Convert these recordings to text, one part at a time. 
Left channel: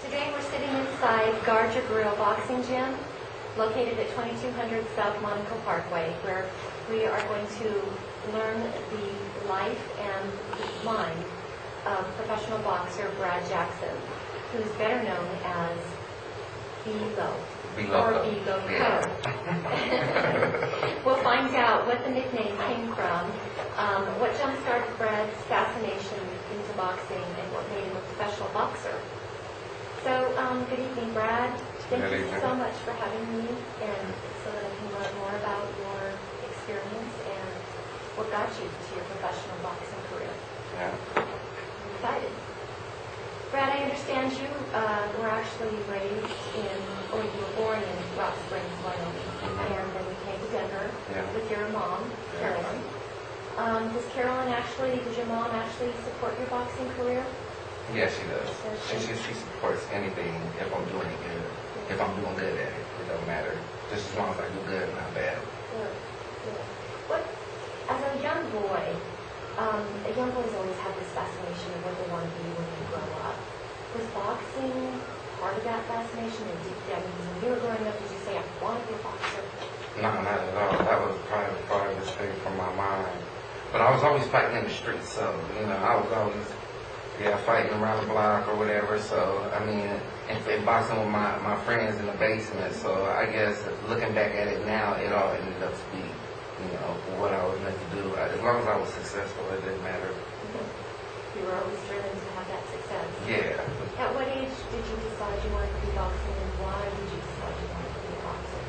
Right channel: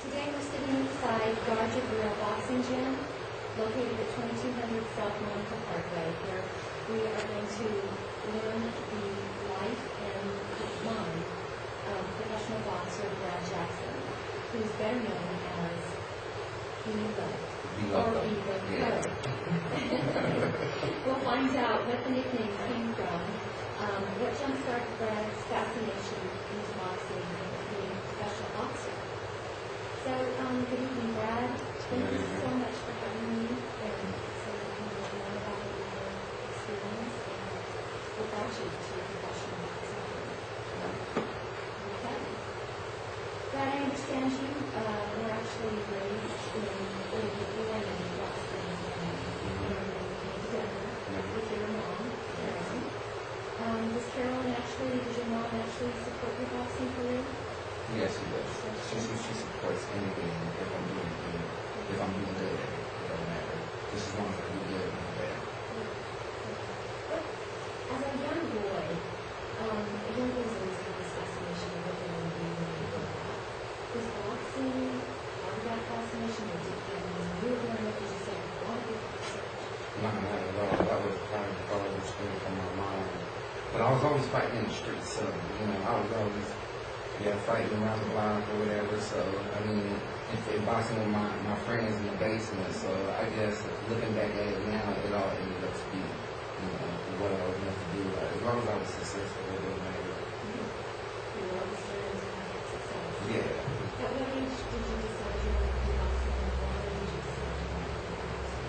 Today we're sitting inside Guard Your Grill Boxing Gym, located at 2200 South Monaco Parkway, where we are going to learn the life and the mind of professional boxer Brad Jackson, who's better known as Velo, or Velo Co. We'll find out what the nickname came from, what jump-started Brad's fascination into boxing, and what made him a professional boxer. So, good evening, Brad. Thank you so much for having me, and so that I can learn more about your experience and what got you to your professional boxing career. Yeah. I'm excited. Brad, I understand you were actually raised in, or you were born in Rock Springs, Wyoming, and then you came to Denver with your mom, Carolyn. Did your mom actually support your boxing career? Yeah, she does. She supports anything if I'm doing it good. If I'm doing good at it, it don't matter. Just as long as I do good, not bad. Good, good. What, as a young boy, young boys always have this fascination of what they want to be when they grow up. Was boxing part of that fascination? Or when you were growing up, did you say, I want to be a boxer? No, not at all. That was probably the farthest thing from my mind. But I was always fighting in the streets, so, I was always fighting around the block or whatever. So, and boxing with my friends in the basement. So, I guess looking back at it now, it all ended up to be, what I was meant to do. As long as I was successful, it didn't matter. You were always driven to have that success. Yeah. At what age did you decide you wanted to be boxing, and why did you decide you wanted to be a boxer?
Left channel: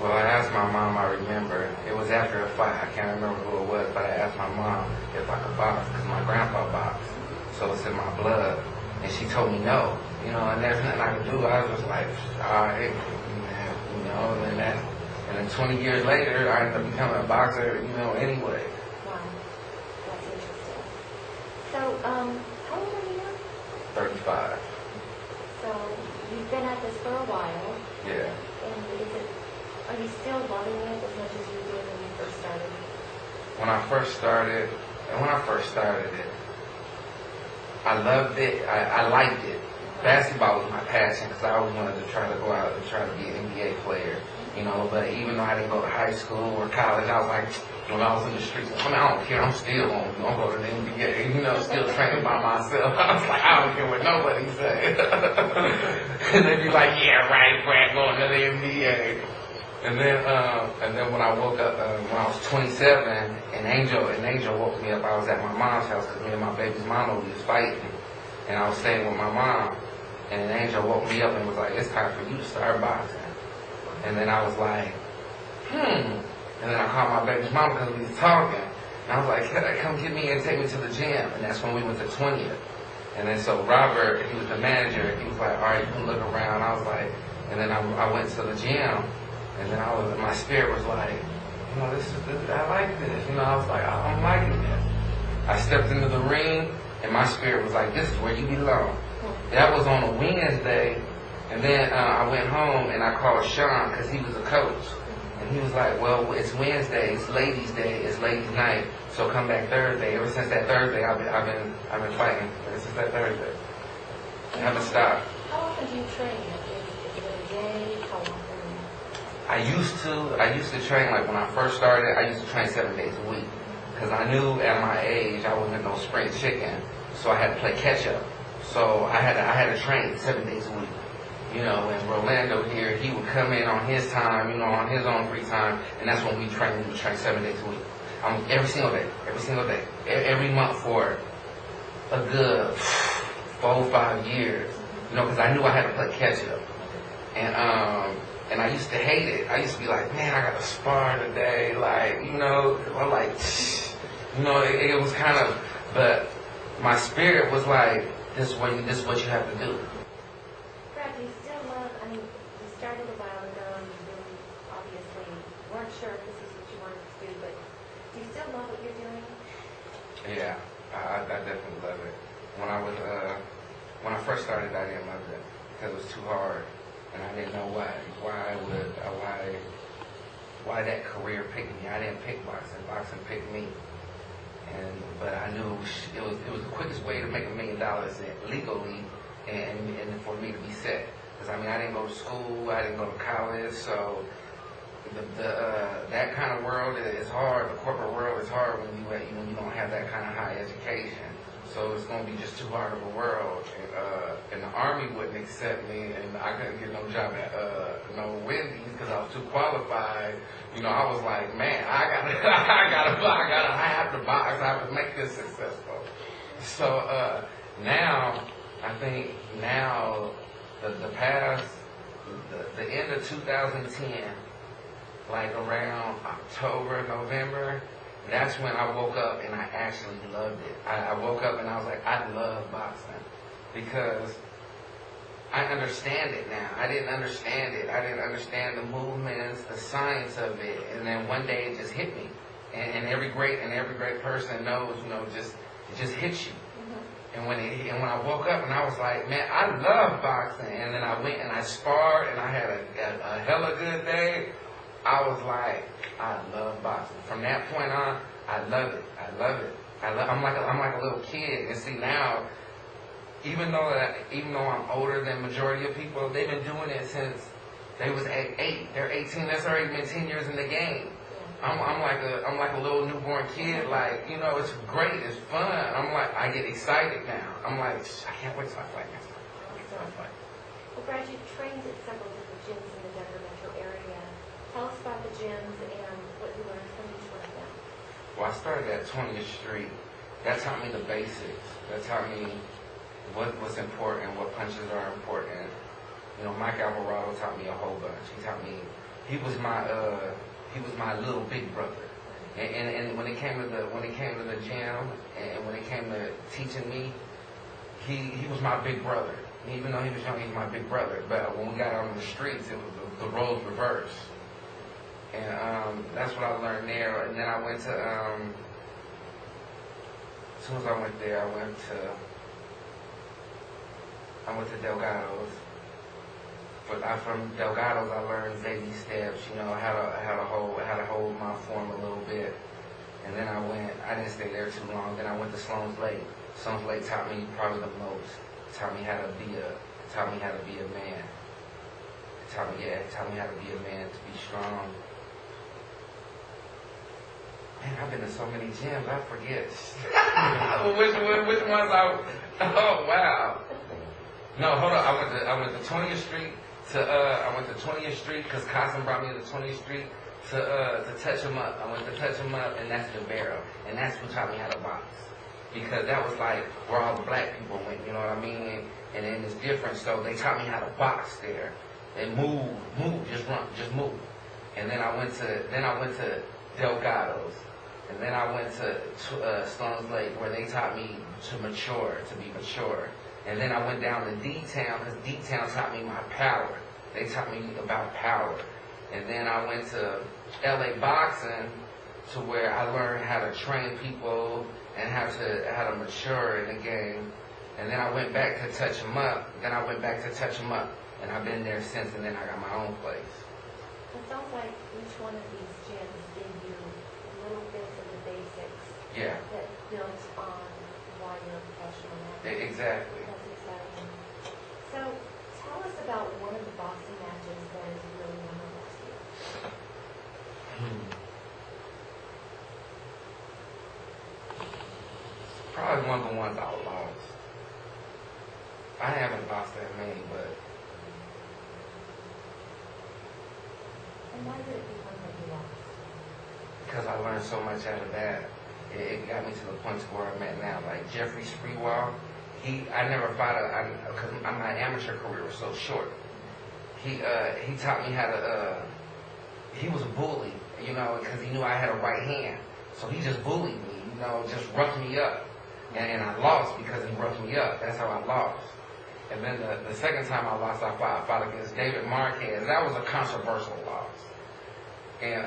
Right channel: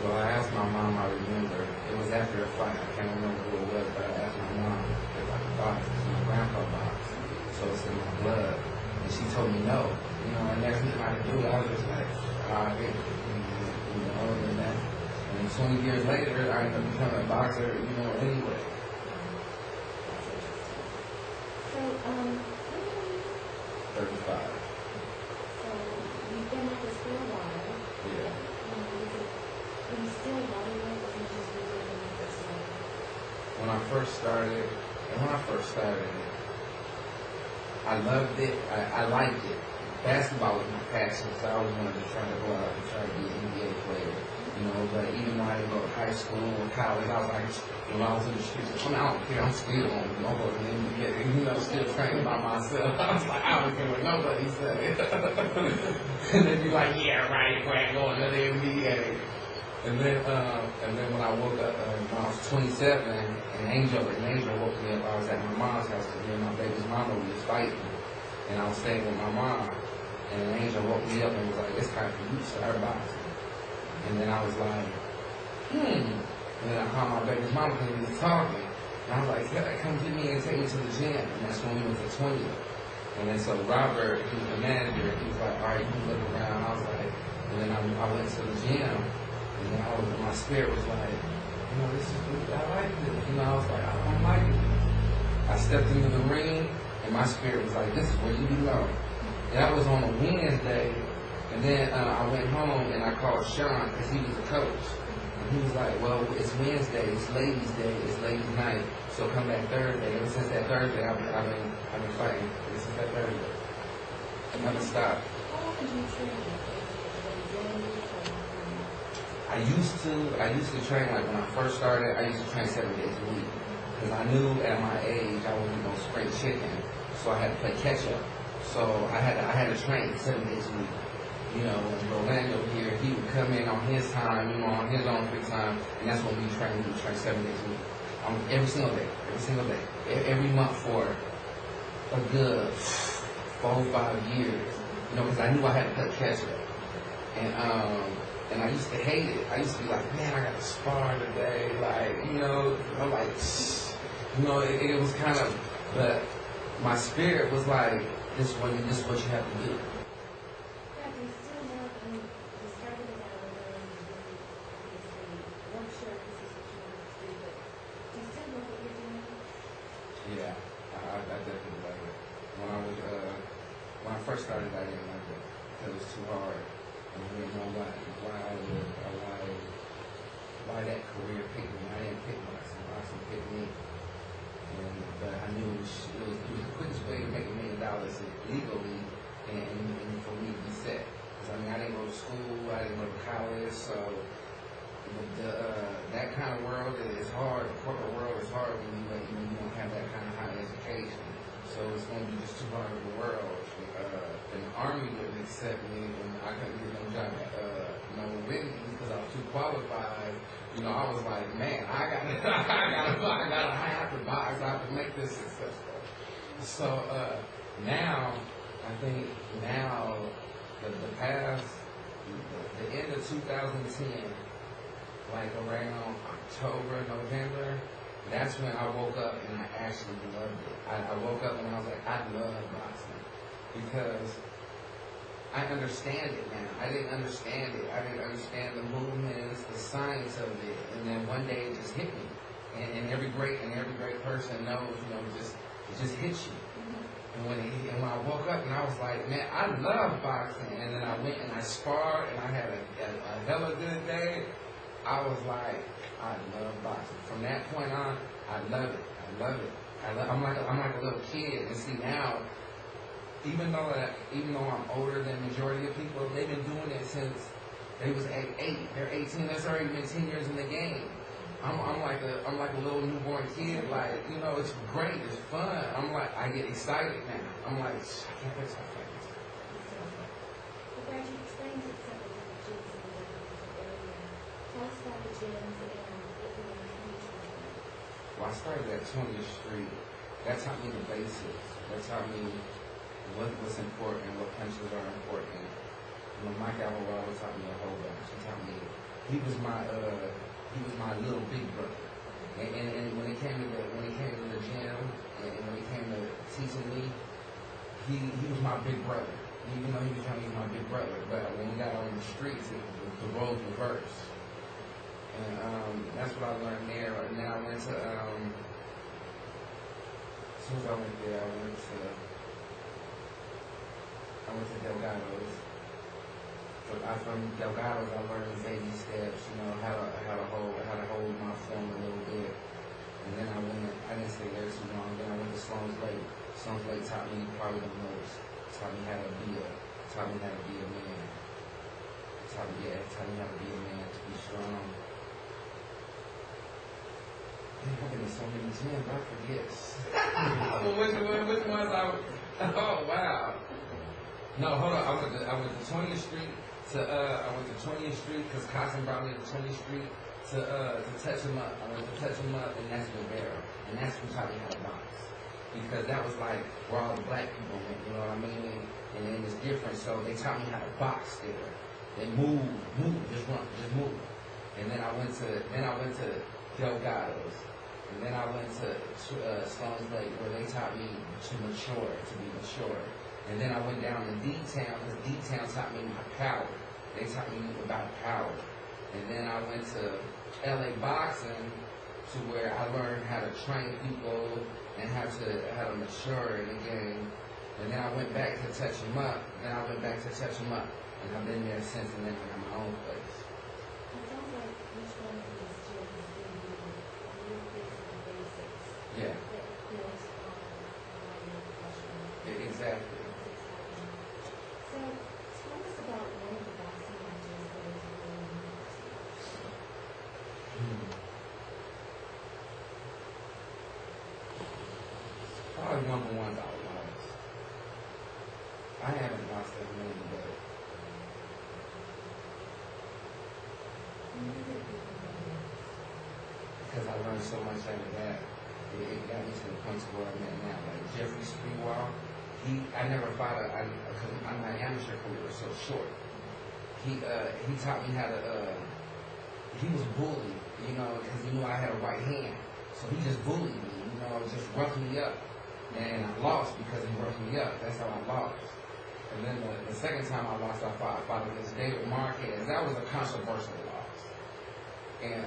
Well, I asked my mom, I remember. It was after a fight. I can't remember who it was, but I asked my mom if I could box, because my grandpa boxed. So it's in my blood. And she told me no, and there's nothing I could do. I was just like, all right, man, and then 20 years later, I ended up becoming a boxer, anyway. Wow, that's interesting. So, how old are you? 35. So, you've been at this for a while. Yeah. And are you still loving it as much as you did when you first started? When I first started it, I loved it. I liked it. Basketball was my passion because I always wanted to try to go out and try to be an NBA player, But even though I didn't go to high school or college, I was like, when I was in the streets, I don't care. I'm still going to go to the NBA, still training by myself. I was like, I don't care what nobody says. And they'd be like, yeah, right, Brad, going to the NBA. And then when I woke up, when I was 27, and Angel woke me up. I was at my mom's house because me and my baby's mama was fighting, and I was staying with my mom. And Angel woke me up and was like, "It's time for you to start boxing." And then I was like, And then I called my baby's mama because we was talking, and I was like, "Come get me and take me to the gym." And that's when we went to 20th. And then so Robert, he was the manager. He was like, "All right, you can look around." I was like, and then I went to the gym. And then my spirit was like, this I like this. I was like, I'm liking it. I stepped into the ring, and my spirit was like, this is where you belong. That was on a Wednesday, and then I went home and I called Sean because he was a coach, and he was like, well, it's Wednesday, it's ladies' day, it's ladies' night, so come back Thursday. Ever since that Thursday, I've been fighting. Ever since that Thursday, I haven't stopped. How often do you train? Is it a day? How often? I used to train, like when I first started, I used to train 7 days a week. Because I knew at my age, I wasn't no spring chicken. So I had to play catch up. So I had to train 7 days a week. And Rolando here, he would come in on his time, on his own free time. And that's when we train 7 days a week. Every single day. Every month for a good 4 or 5 years. Because I knew I had to play catch up. And I used to hate it. I used to be like, man, I got to spar today. Like, I'm like, it was kind of, but my spirit was like, this is what you have to do. Brad, do you still love, you started a while ago and you really obviously weren't sure if this was what you wanted to do, but do you still love what you're doing? Yeah, I definitely love it. When I first started, I didn't love it because it was too hard. And I didn't know why that career picked me. I didn't pick boxing. Boxing picked me. But I knew it was the quickest way to make $1 million legally and for me to be set. Because I mean, I didn't go to school, I didn't go to college, so that kind of world is hard. The corporate world is hard when you don't have that kind of high education. So it's gonna be just too hard of a world. And the Army wouldn't accept me, and I couldn't get no job at no Wendy's because I was too qualified. You know, I was like, man, I have to box. I have to make this successful. So now, I think the end of 2010, like around October, November, that's when I woke up and I actually loved it. I woke up and I was like, I love boxing because I understand it now. I didn't understand it. I didn't understand the movements, the science of it, and then one day it just hit me. And every great person knows, it just hits you. Mm-hmm. And when I woke up and I was like, man, I love boxing. And then I went and I sparred and I had a hella good day. I was like, I love boxing. From that point on, I love it. I'm like a little kid. And see now, even though I'm older than majority of people, they've been doing it since they was 8. They're 18. That's already been 10 years in the game. I'm like a little newborn kid. Like, it's great. It's fun. I get excited now. I'm like, I can't wait till I fight next time. Well, Brad, you've trained at several different gyms in the Denver metro area. Tell us about the gyms and what you learned from each one of them. Well, I started at 20th Street. That taught me the basics. That taught me what's important, what punches are important. Mike Alvarado taught me a whole bunch. He taught me, he was my little big brother. And when it came to the gym and when it came to teaching me, he was my big brother. Even though he was young, he was my big brother. But when we got out on the streets, it was the roles reversed. And that's what I learned there. And then I went to, as soon as I went there, I went to Delgado's. From Delgado's, I learned baby steps, how to hold my form a little bit. And then I didn't stay there too long. Then I went to Sloan's Lake. Sloan's Lake taught me probably the most. It taught me how to be a man. It taught me how to be a man, to be strong. Man, I've been to so many gyms, I forget. which ones oh wow. No, hold on. I went to 20th Street I went to 20th Street because Cousin brought me to 20th Street to touch him up. I went to touch him up, and that's the barrel. And that's who taught me how to box. Because that was like where all the black people went, you know what I mean? And then it's different, so they taught me how to box there. And move, just run, just move. And then I went to Delgado's. And then I went to Stones Lake, where they taught me to be mature. And then I went down to D-Town, because D-Town taught me my power. They taught me about power. And then I went to LA Boxing, to where I learned how to train people and how to mature in the game. And then I went back to touch them up. And I've been there since, and then I got my own place. It sounds like each one of these gyms gave you little bits of the basics. Yeah. That built on why you're a professional now. Exactly. That's exciting. So tell us about one of the boxing matches that is really memorable to you. Probably one of the ones I lost. I haven't lost that many, but. And why would it be one that you lost? Because I learned so much out of that. It got me to the point to where I'm at now. Like Jeffrey Spreewell, I never fought because my amateur career was so short. He taught me how to, he was a bully, because he knew I had a right hand. So he just bullied me, just roughed me up. And I lost because he roughed me up. That's how I lost. And then the second time I lost, I fought against David Marquez. That was a controversial loss. And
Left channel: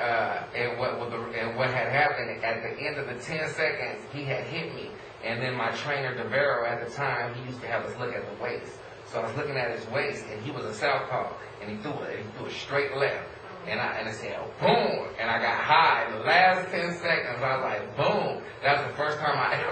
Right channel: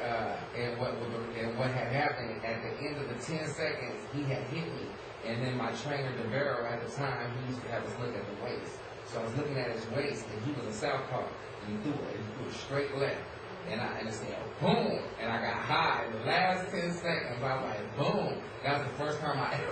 what had happened at the end of the 10 seconds, he had hit me. And then my trainer, DeVero, at the time, he used to have us look at the waist. So I was looking at his waist, and he was a southpaw, and he threw a straight left. And it said, boom, and I got high. The last 10 seconds, I was like, boom. That was the first time I ever